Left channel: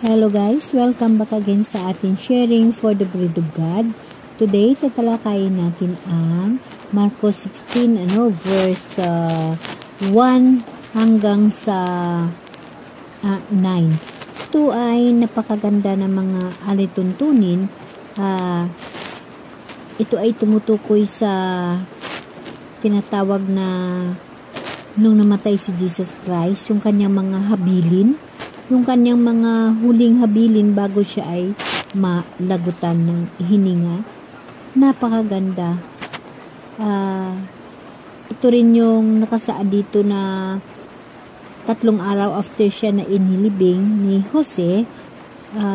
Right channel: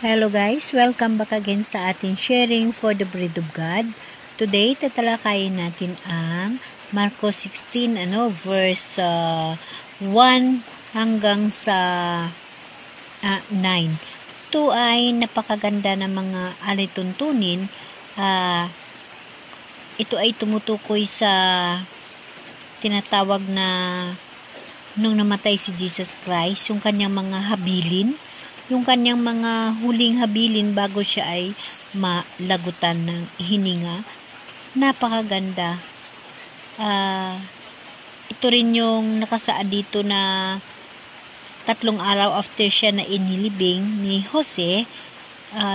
Hello guys, welcome back again sa ating sharing for the bread of God. Today, tatalakayin natin ang Marcos 16, verse 1 hanggang sa 9. Ito ay napakaganda ng mga alituntunin. Ito ay tumutukoy sa tinatawag na nung namatay si Jesus Christ, yung kanyang mga habilin, yung kanyang mga huling habilin bago siya ay malagutan ng hininga. Napakaganda. Ito rin yung nakasaad dito na 3 araw after siya na inilibing ni Jose,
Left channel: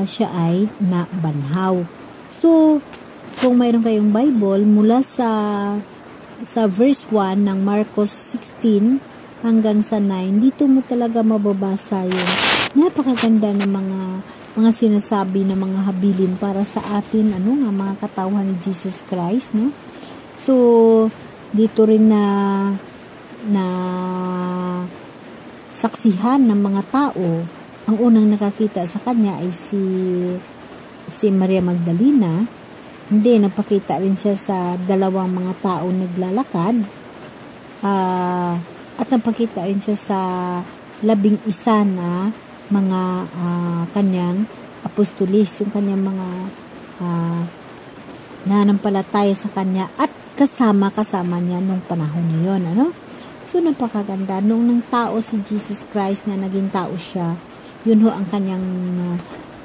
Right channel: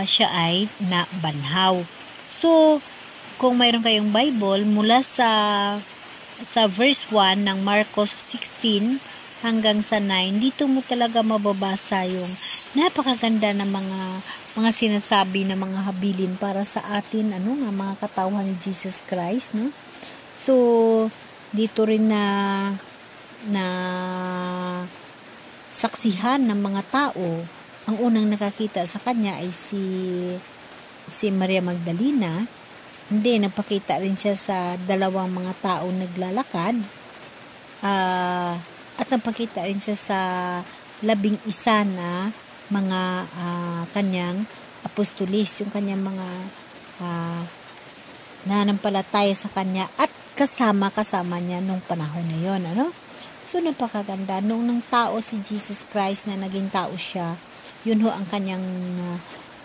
siya ay nabanhaw. So, kung mayroon kayong Bible, mula sa verse 1 ng Marcos 16 hanggang sa 9, dito mo talaga mababasa yung napakaganda ng mga sinasabi ng mga habilin para sa atin, mga katawan ni Jesus Christ, no? So, dito rin na saksihan ng mga tao. Ang unang nakakita sa kanya ay si Maria Magdalena. Hindi, napakita rin siya sa 2 mga tao naglalakad. At napakita rin siya sa 11 na mga kanyang apostolis, yung kanyang mga nananampalataya sa kanya at kasama niya nung panahon na yun, So, napakaganda. Nung ng tao si Jesus Christ na naging tao siya, yun ho ang kanyang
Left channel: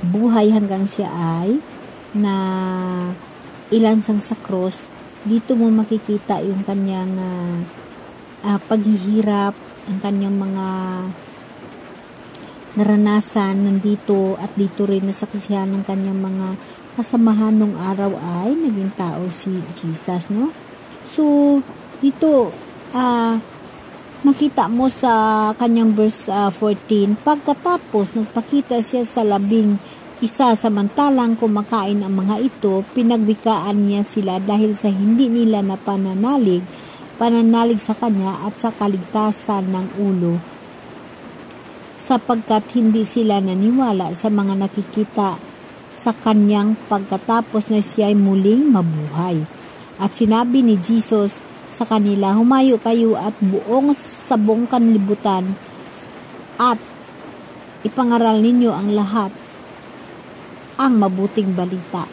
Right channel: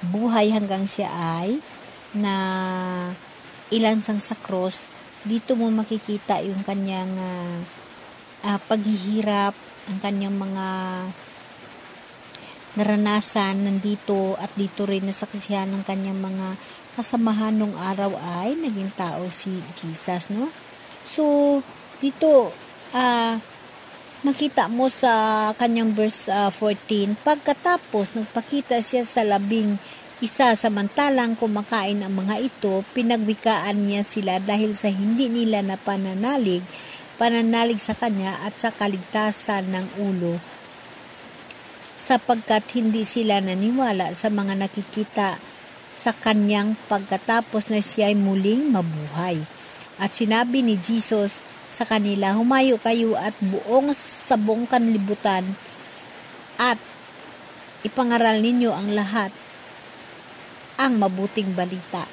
buhay hanggang siya ay na ilansang sa cross. Dito mo makikita yung kanyang paghihirap, ang kanyang mga naranasan nandito, at dito rin nasaksihan ng kanyang mga kasamahan nung araw ay naging tao si Jesus, no? So, dito makita mo sa kanyang verse 14, pagkatapos nagpakita siya sa 11 samantalang kumakain ang mga ito, pinagwikaan niya sila dahil sa hindi nila na pananalig sa kanya at sa kaligtasan ng ulo, sapagkat hindi sila naniwala sa mga nakikita sa kanyang pagkatapos na siya ay muling mabuhay. At sinabi ni Jesus sa kanila, humayo kayo at sa buong kanlibutan at ipangaral ninyo ang lahat ang mabuting balita.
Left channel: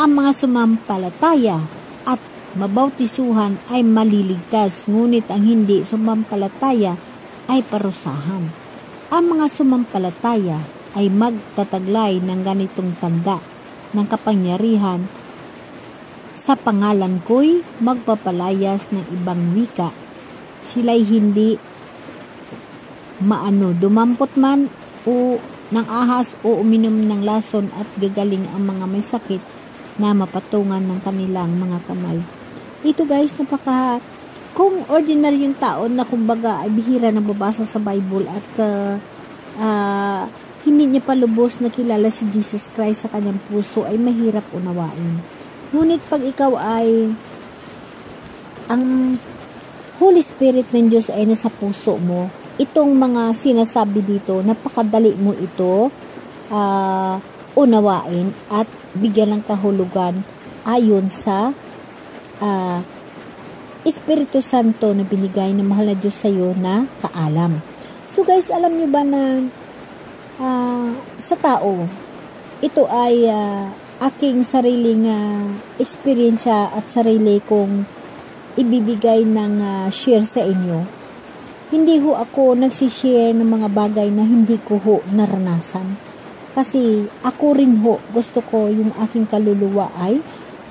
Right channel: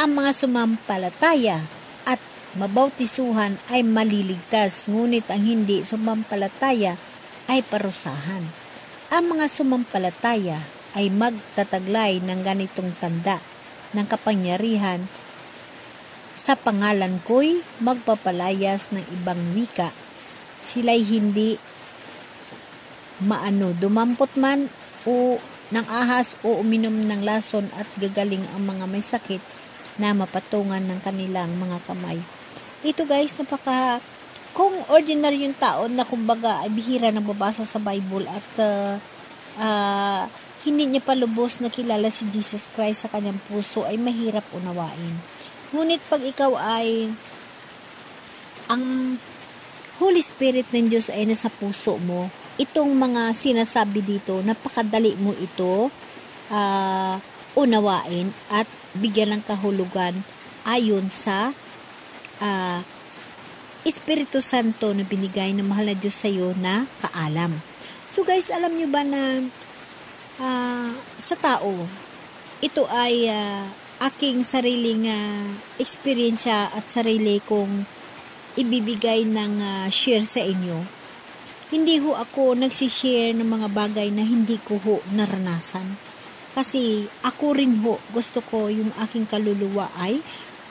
Ang mga sumampalataya at mabautisuhan ay maliligtas, ngunit ang hindi sumampalataya ay parusahan. Ang mga sumampalataya ay magtataglay ng ganitong tanda ng kapangyarihan, sa pangalan ko'y magpapalayas ng ibang wika. Sila'y hindi dumampot man o ng ahas o uminom ng lason, at gagaling ang mga may sakit na mapatungan ng kanilang mga kamay. Ito guys, kung ordinary yung tao na kumbaga ay bihira na babasa sa Bible at hindi niya pa lubos na kilala si Jesus Christ sa kanyang puso, ay mahirap unawain. Ngunit pag ikaw ay ang Holy Spirit ng Diyos ay nasa puso mo, itong mga sinasabi dito, napakadali mo ito unawain at bigyan ng kahulugan ayon sa Espiritu Santo na binigay ng mahal na Diyos sa iyo na kaalam. So guys, alam nyo ba na sa tao, ito ay aking sariling eksperyensya at sarili kong ibibigay ng share sa inyo. Hindi ho ako nagsishare ng mga bagay na hindi ko ho naranasan. Kasi ako rin ho, gusto ko yung aking kaluluwa ay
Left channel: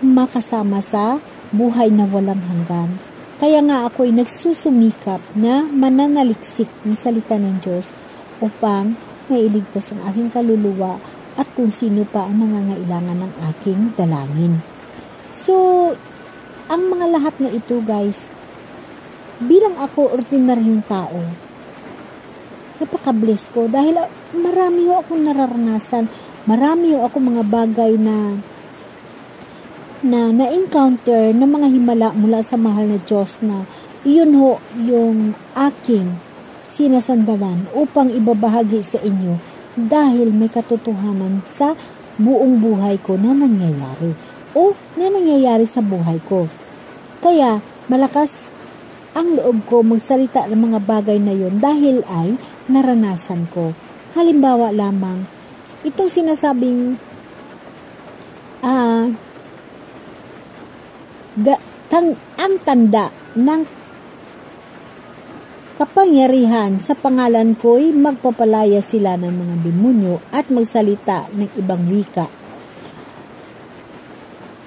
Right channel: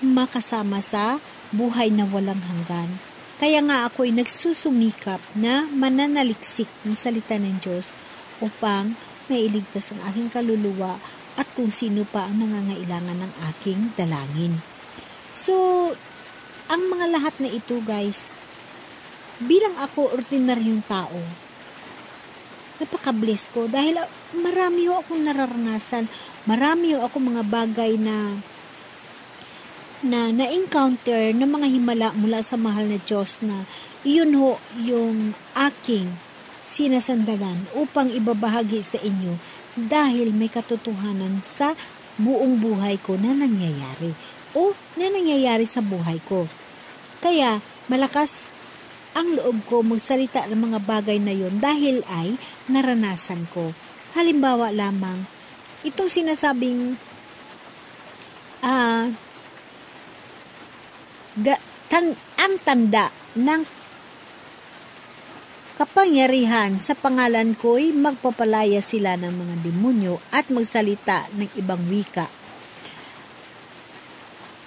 makasama sa buhay na walang hanggan. Kaya nga ako'y nagsusumikap na mananaliksik ng salita ng Diyos upang mailigtas ang aking kaluluwa at kung sino pa ang nangangailangan ng aking dalangin. So, ang mga lahat na ito guys, bilang ako ordinaryong tao, napaka-bless ko dahil marami ho akong nararanasan, marami ho akong mga bagay na na-encounter ng mga himala mula sa mahal na Diyos, na iyon ho yung aking sinasandalan upang ibabahagi sa inyo dahil may katotohanan sa buong buhay ko na nangyayari o na nangyayari sa buhay ko. Kaya malakas ang loob ko magsalita ng mga bagay na yon dahil ay naranasan ko. Halimbawa lamang, itong sinasabing ang tanda ng kapangyarihan sa pangalan ko'y magpapalaya sila ng mga demonyo at magsalita ng ibang wika.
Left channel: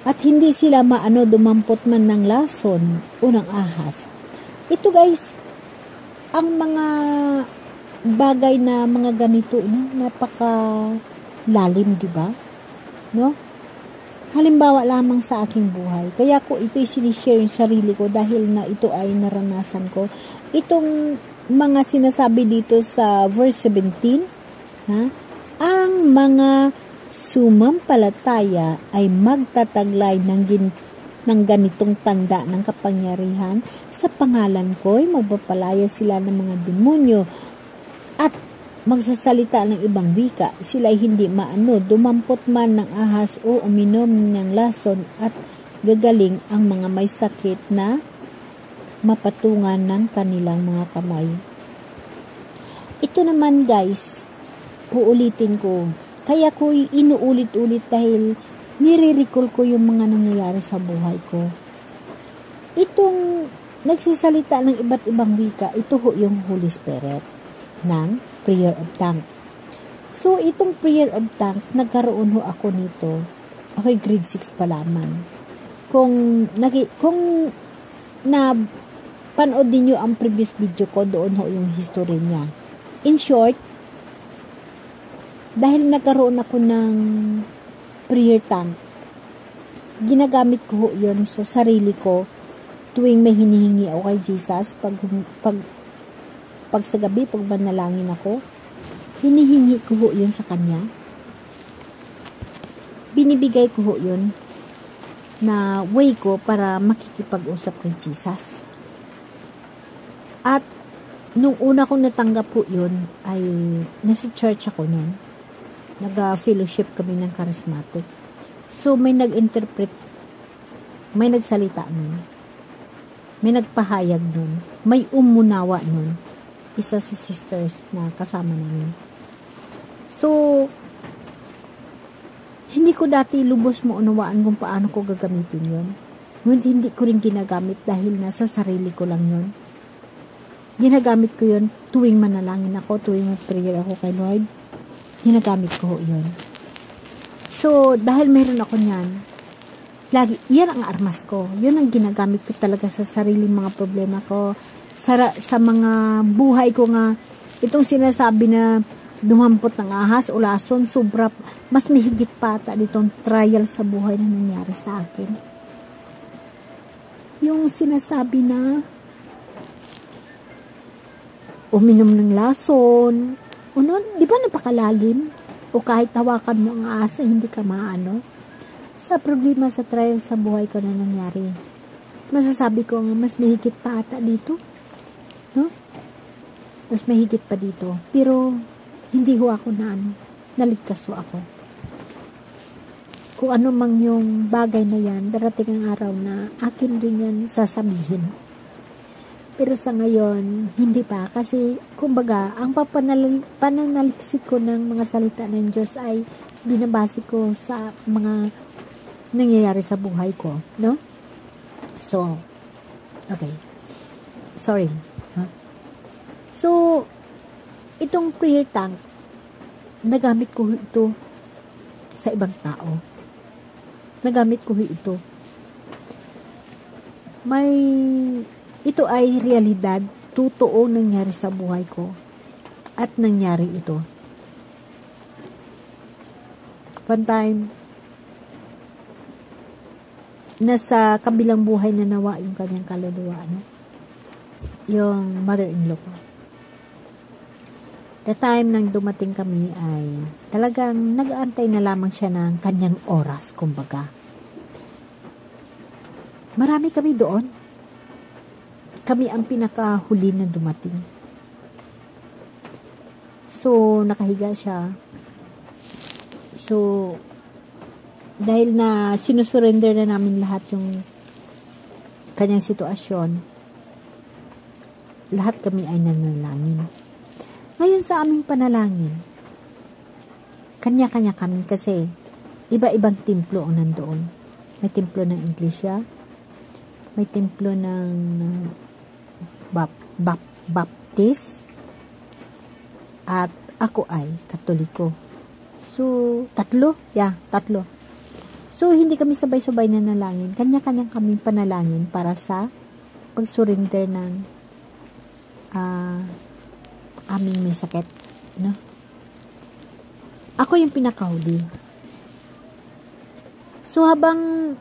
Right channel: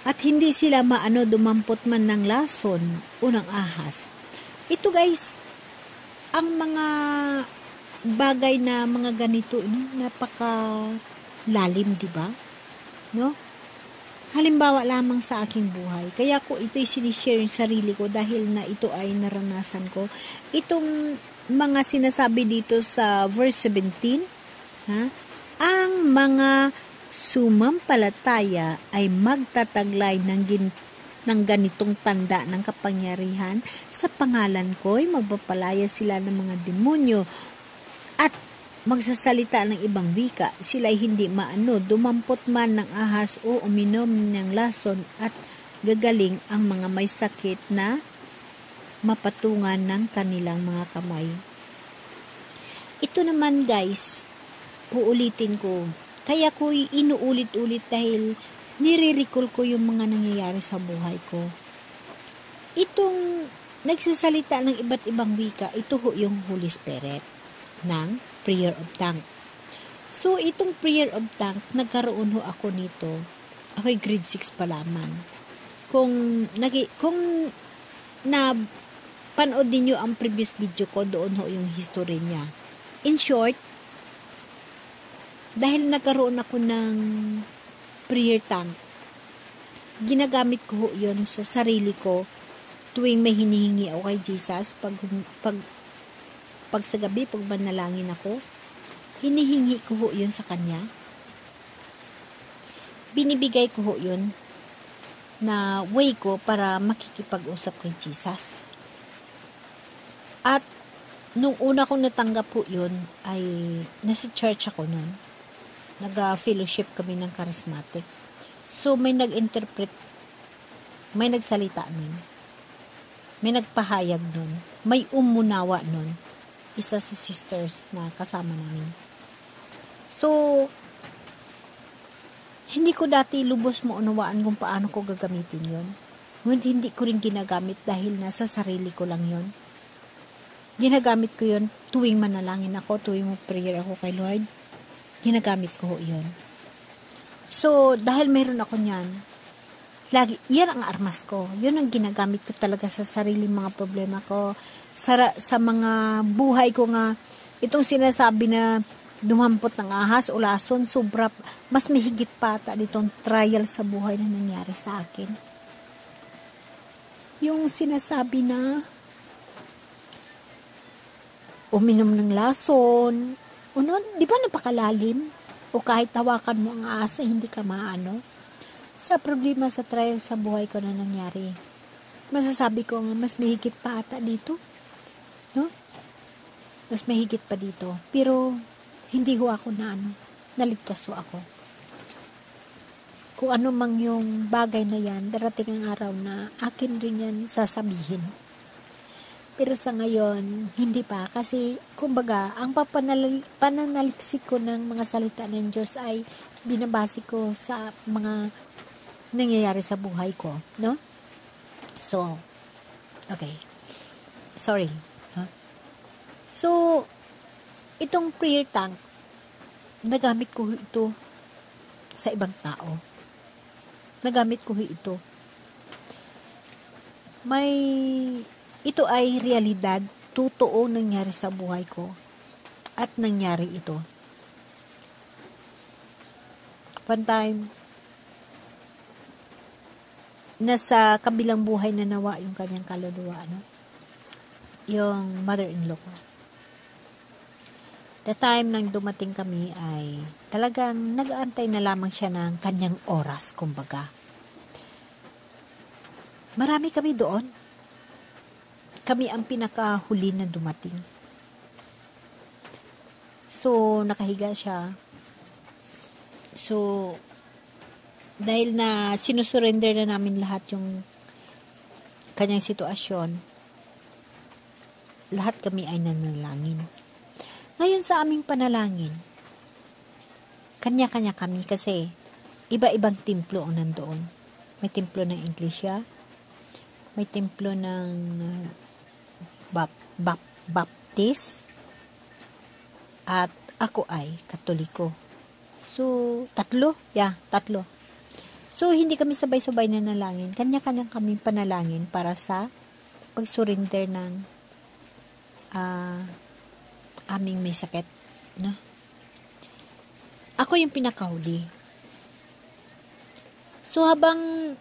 At hindi sila dumampot man ng lason o ng ahas. Ito guys, ang mga bagay na mga ganito, napaka lalim, di ba? No? Halimbawa lamang sa aking buhay. Kaya ko ito'y sinishare yung sarili ko dahil na ito ay naranasan ko. Itong mga sinasabi dito sa verse 17, ang mga sumampalataya ay magtataglay ng ganitong tanda ng kapangyarihan. Sa pangalan ko'y magpapalaya sila ng mga demonyo at magsasalita ng ibang wika. Sila'y hindi dumampot man ng ahas o uminom ng lason at gagaling ang mga may sakit na mapatungan ng kanilang mga kamay. Ito naman guys, uulitin ko. Kaya ko inuulit-ulit dahil nire-recall ko yung mga nangyayari sa buhay ko. Itong nagsasalita ng iba't ibang wika, ito ho yung Holy Spirit ng prayer of tongue. So, itong prayer of tongue, nagkaroon ho ako nito. Ako'y grade 6 pa lamang. Kung panood niyo ang previous video ko, doon ho yung history niya. In short, dahil nagkaroon ako ng prayer tongue, ginagamit ko ho yun sa sarili ko tuwing may hinihingi ako kay Jesus. Pag sa gabi, pag manalangin ako, hinihingi ko ho yun sa Kanya. Binibigay ko ho yun na way ko para makikipag-usap kay Jesus. At nung una kong natanggap po yun, ay nasa church ako nun. Nag-fellowship kami ng charismatic. So, may nag-interpret, may nagsalita nun. May nagpahayag nun. May umunawa nun. Isa sa sisters na kasama namin. So, hindi ko dati lubos maunawaan kung paano ko gagamitin yun. Ngunit hindi ko rin ginagamit dahil nasa sarili ko lang yun. Ginagamit ko yun tuwing manalangin ako, tuwing prayer ako kay Lord. Ginagamit ko yun. So, dahil mayroon ako niyan, yan ang armas ko. Yun ang ginagamit ko talaga sa sariling mga problema ko. Sa mga buhay ko nga, itong sinasabi na dumampot ng ahas o lason, sobra, mas mahigit pa ata ditong trial sa buhay na nangyari sa akin. Yung sinasabi na uminom ng lason, di ba napakalalim? O kahit tawakan mo ang ahas, hindi ka maano. Sa problema sa trial sa buhay ko na nangyari, masasabi ko nga, mas mahigit pa ata dito. No? Mas mahigit pa dito. Pero, hindi ho ako naligtas ho ako. Kung ano mang yung bagay na yan, darating ang araw na akin rin yan sasabihin. Pero sa ngayon, hindi pa. Kasi, kumbaga, ang pananaliksik ko ng mga salita ng Diyos ay binabase ko sa mga nangyayari sa buhay ko. No? So, okay. Sorry. So, itong prayer tongue, nagamit ko ito sa ibang tao. Nagamit ko ito. Ito ay realidad, totoo nangyari sa buhay ko. At nangyari ito. One time, nasa kabilang buhay na nawa yung kanyang kaluluwa, yung mother-in-law ko. The time nang dumating kami ay talagang nag-aantay na lamang siya ng kanyang oras, kumbaga. Marami kami doon. Kami ang pinakahuli na dumating. So, nakahiga siya. So, dahil na sinusurrender na namin lahat yung kanyang sitwasyon, lahat kami ay nanalangin. Ngayon sa aming panalangin, kanya-kanya kami kasi iba-ibang templo ang nandoon. May templo ng Iglesia, may templo ng Baptist, at ako ay Katoliko. So, tatlo. So, hindi kami sabay-sabay na nalangin. Kanya-kanya kami panalangin para sa pag-surrender ng aming may sakit. No? Ako yung pinakahuli. So, habang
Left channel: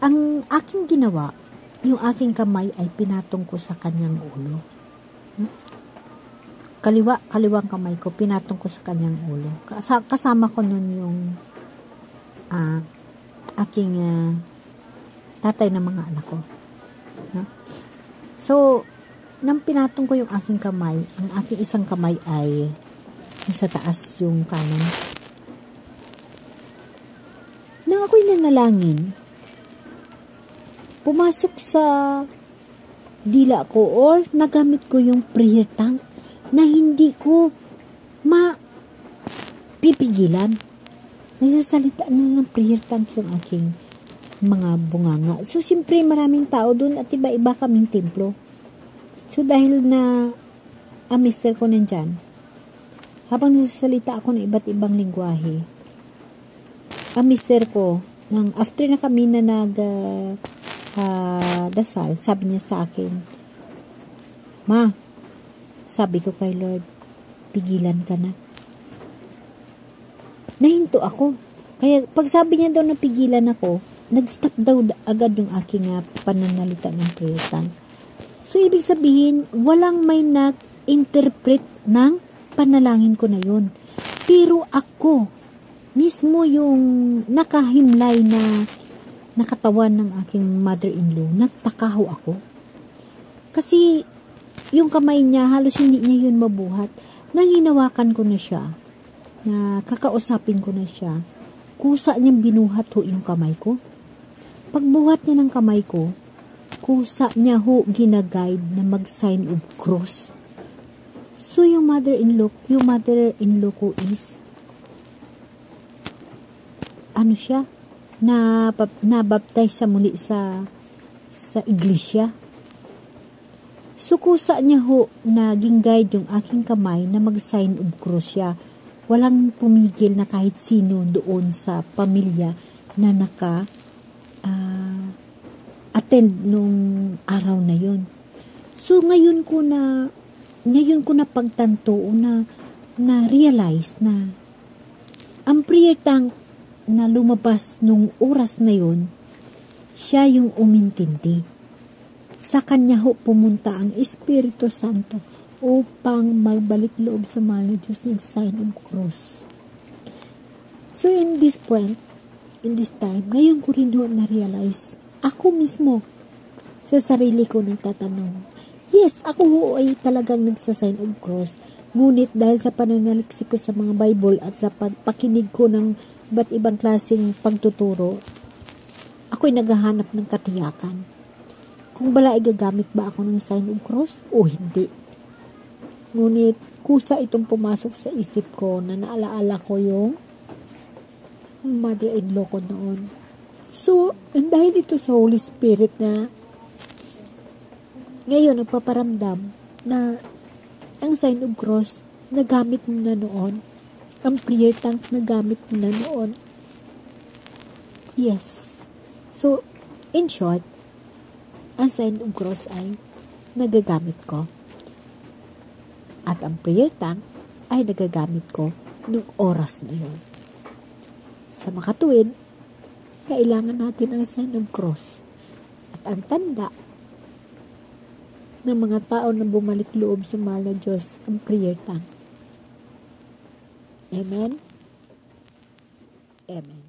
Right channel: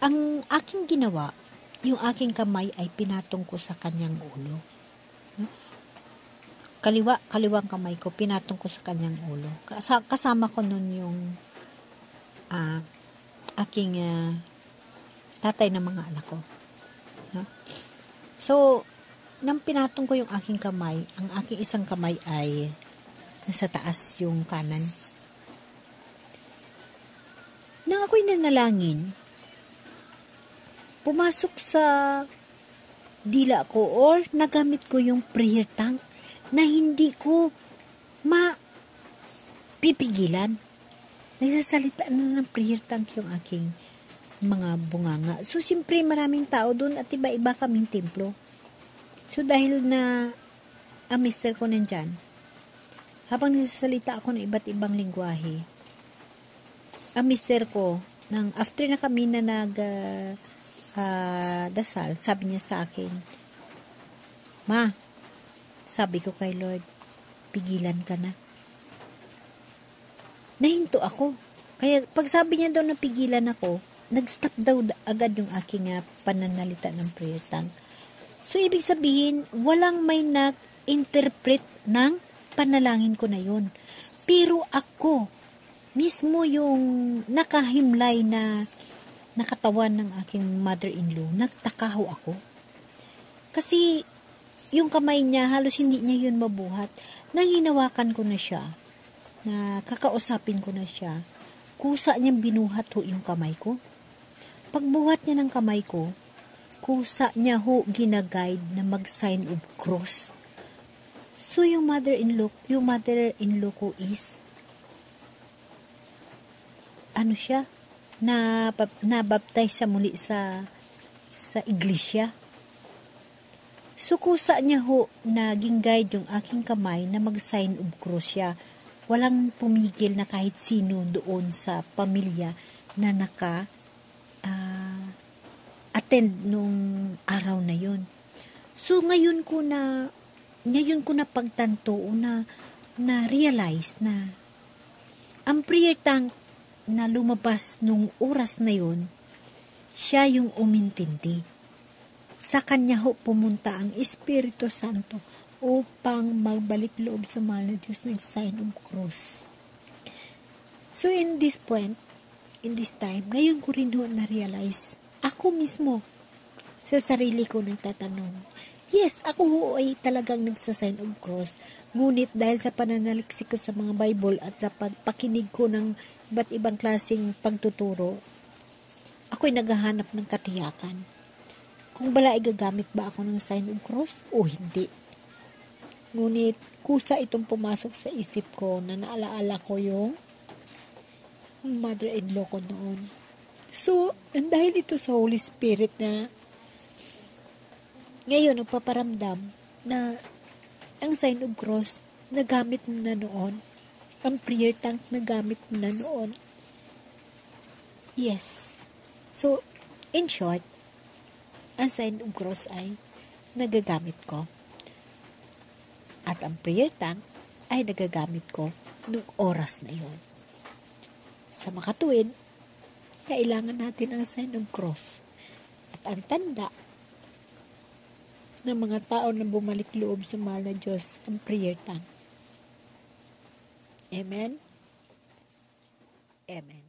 ang aking ginawa, yung aking kamay ay pinatong ko sa kanyang ulo. No? Kaliwang kamay ko, pinatong ko sa kanyang ulo. Kasama ko nun yung aking tatay ng mga anak ko. No? So, nang pinatong ko yung aking kamay, ang aking isang kamay ay nasa taas yung kanan. Nang ako'y nanalangin, pumasok sa dila ko or nagamit ko yung prayer tank na hindi ko mapipigilan. Nagsasalita ng prayer tank yung aking mga bunganga. So, siyempre maraming tao doon at iba-iba kaming templo. So, dahil na ang mister ko nandyan, habang nagsasalita ako ng iba't ibang lingwahe, ang mister ko, after na kami na dasal, sabi niya sa akin, "Ma," sabi ko kay Lord, "pigilan ka na." Nahinto ako. Kaya pag sabi niya daw na pigilan ako, nag-stop daw agad yung aking pananalita ng prayer tank. So, ibig sabihin, walang may nag-interpret ng panalangin ko na yun. Pero ako, mismo yung nakahimlay na nakatawan ng aking mother-in-law, nagtakaho ako. Kasi, yung kamay niya, halos hindi niya yun mabuhat. Nang hinawakan ko na siya, na kakausapin ko na siya, kusa niyang binuhat ho yung kamay ko. Pagbuhat niya ng kamay ko, kusa niya ho ginaguide na mag-sign of cross. So, yung mother-in-law ko is, siya, nabaptize siya muli sa iglesia. So, kusa niya ho naging guide yung aking kamay na mag-sign of cross siya. Walang pumigil na kahit sino doon sa pamilya na attend nung araw na yun. So, ngayon ko na pagtanto na realize na ang prayer tank na lumabas nung oras na yun, siya yung umintindi. Sa kanya ho pumunta ang Espiritu Santo upang magbalik loob sa mahal na Diyos, nag-sign of cross. So, in this time, ngayon ko rin na-realize, ako mismo, sa sarili ko nagtatanong, yes, ako ho ay talagang nagsa-sign of cross, ngunit dahil sa pananaliksik ko sa mga Bible at sa pagpakinig ko ng iba't ibang klaseng pagtuturo, ako'y naghahanap ng katiyakan. Kung bala, igagamit ba ako ng sign of cross o hindi? Ngunit, kusa itong pumasok sa isip ko na naalaala ko yung mother-in-law ko noon. So, dahil ito sa Holy Spirit na ngayon nagpaparamdam na ang sign of cross na gamit mo na noon, ang prayer tank na gamit mo na noon. Yes. So, in short, ang sign of cross ay nagagamit ko. At ang prayer tank ay nagagamit ko noong oras na yon. Sa makatuwid, kailangan natin ang sign of cross. At ang tanda ng mga tao na bumalik loob sa mahal na Diyos, ang prayer tank. Amen? Amen.